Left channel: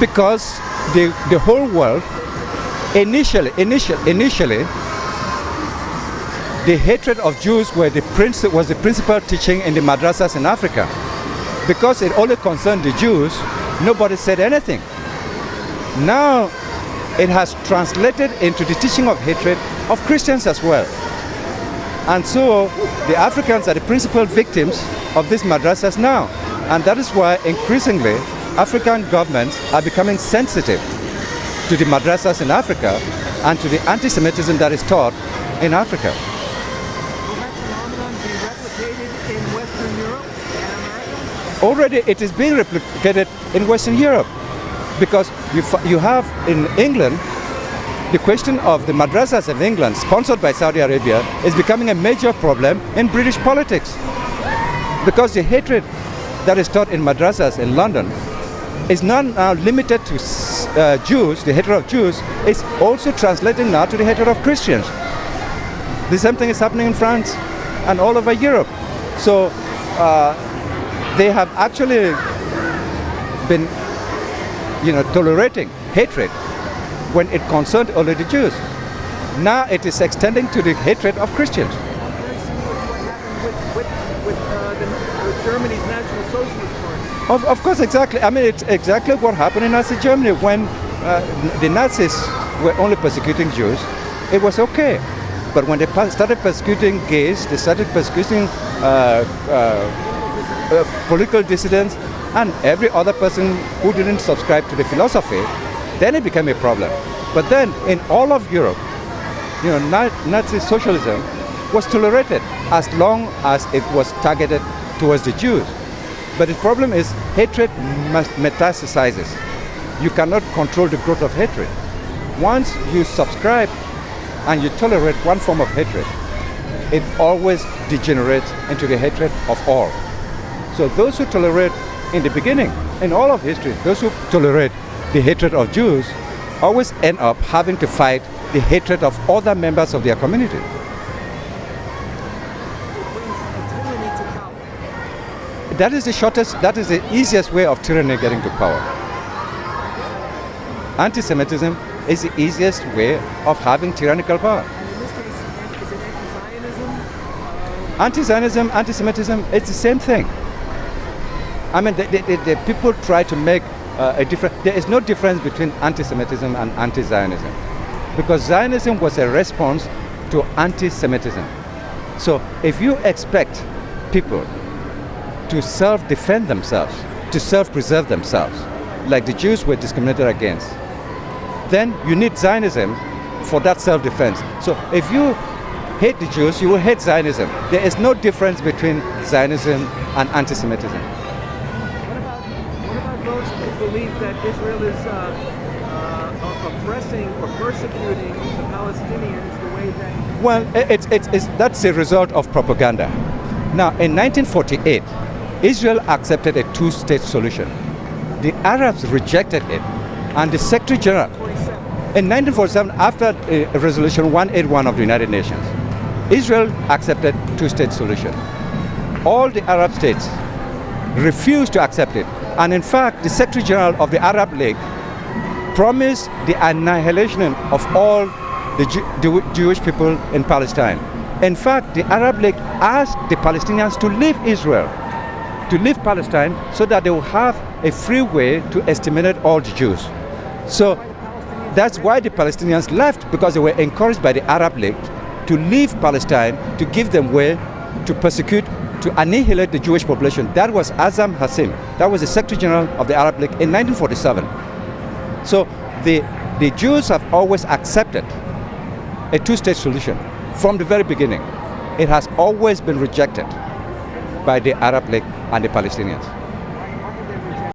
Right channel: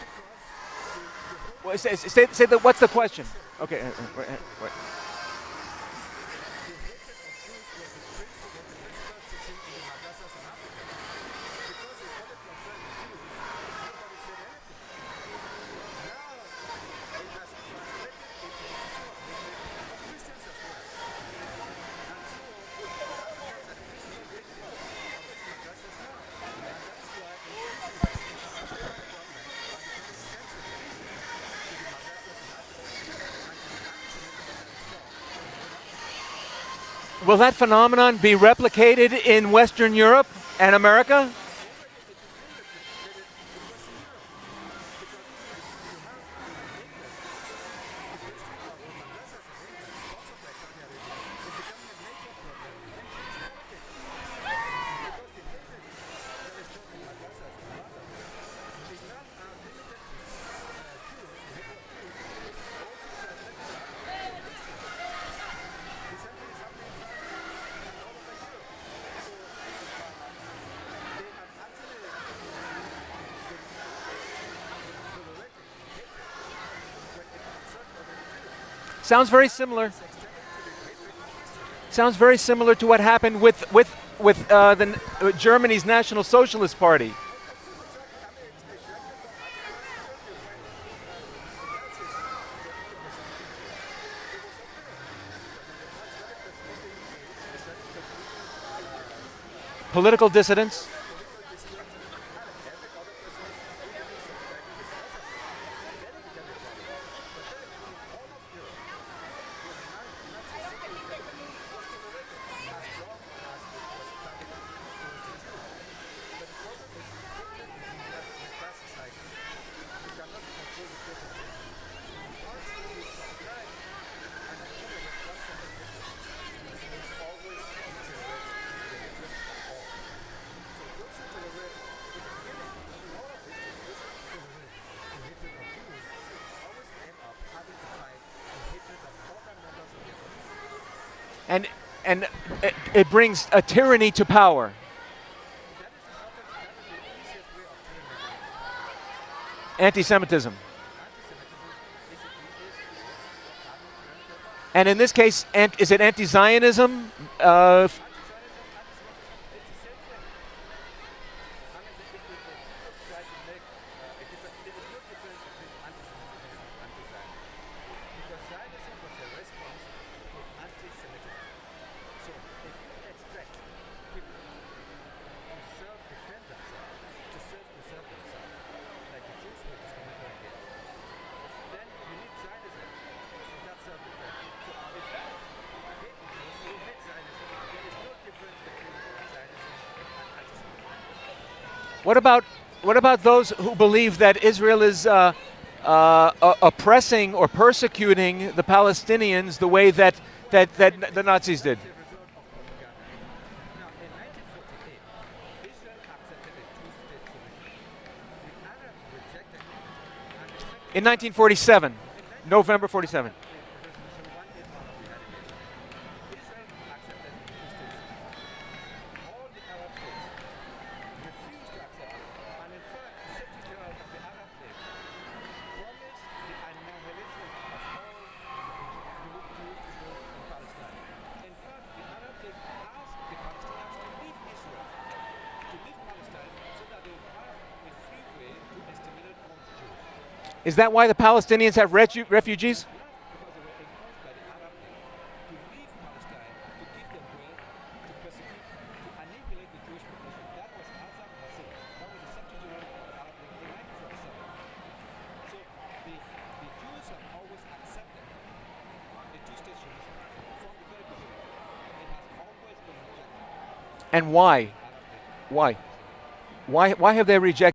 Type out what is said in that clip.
Because the whole world, What's the question? initially, the hatred of Jews was the principal teaching in the madrasas in Africa. Because it only concerned the Jews, nobody said anything. Now, it has translated into the teaching of hatred of Christians as well. And so, the Africans are the principal victims of these madrasas now. And that is why, increasingly, African governments are becoming sensitive to the madrasas in Africa and to the anti-Semitism that is taught in Africa. Will that phenomenon be replicated in Western Europe and America? Already it is being replicated in Western Europe, because you have in England, the question of the madrasas of England, sponsored by Saudi Arabia, is becoming a major problem in British politics. Because the hatred that is taught in madrasas in London is not now limited to Jews, the hatred of Jews, it's also translating now to the hatred of Christians. The same thing is happening in France and all over Europe. So they have actually been, tolerating hatred when it concerned only the Jews. Sounds very now similar. It is extending to the hatred of Christians. Sounds very similar to what happened with Germany's National Socialist Party. Of course, exactly. I mean, it's exactly what happened in Nazi Germany when the Nazis were only persecuting Jews. It was okay. But when they started persecuting gays, they started persecuting political dissidents, and every other person who didn't subscribe to the philosophy, then it became a problem. But then in all of Europe, Nazi socialism was tolerated as long as it was targeted towards the Jews. But the problem is hatred metastasizes. You cannot control the growth of hatred. Once you subscribe and you tolerate one form of hatred, it always degenerates into the hatred of all. So those who tolerate in the beginning, in all of history, those who tolerate the hatred of Jews always end up having to fight the hatred of other members of their community. And it brings a tyranny to power. That is the easiest way of tyranny getting to power. Anti-Semitism. Anti-Semitism is the easiest way of having tyrannical power. And in this case, is it anti-Zionism? Anti-Zionism, anti-Semitism, it's the same thing. I mean, the people try to make a difference. There is no difference between anti-Semitism and anti-Zionism, because Zionism was a response to anti-Semitism. So if you expect people to self-defend themselves, to self-preserve themselves, like the Jews were discriminated against, then you need Zionism for that self-defense. So if you hate the Jews, you will hate Zionism. There is no difference between Zionism and anti-Semitism. What about those who believe that Israel is oppressing or persecuting the Palestinians the way that the Nazis that's did? a result of propaganda. Now, in 1948, Israel accepted a two-state solution. The Arabs rejected it, and the Secretary General... In 1947. In 1947, after Resolution 181 of the United Nations, Israel accepted two-state solution. All the Arab states refused to accept it. And in fact, the Secretary General of the Arab League promised the annihilation of all the Jewish people in Palestine. In fact, the Arab League asked the Palestinians to leave Israel, to leave Palestine, so that they will have a free way to exterminate all the Jews. Is that why the Palestinians have refugees? That's why the Palestinians left, because they were encouraged by the Arab League to leave Palestine, to give them way to persecute, to annihilate the Jewish population. That was Azam Hassim. That was the Secretary General of the Arab League in 1947. So the Jews have always accepted a two-state solution from the very beginning. It has always been rejected and why? by the Arab League and the Palestinians. Why have they rejected?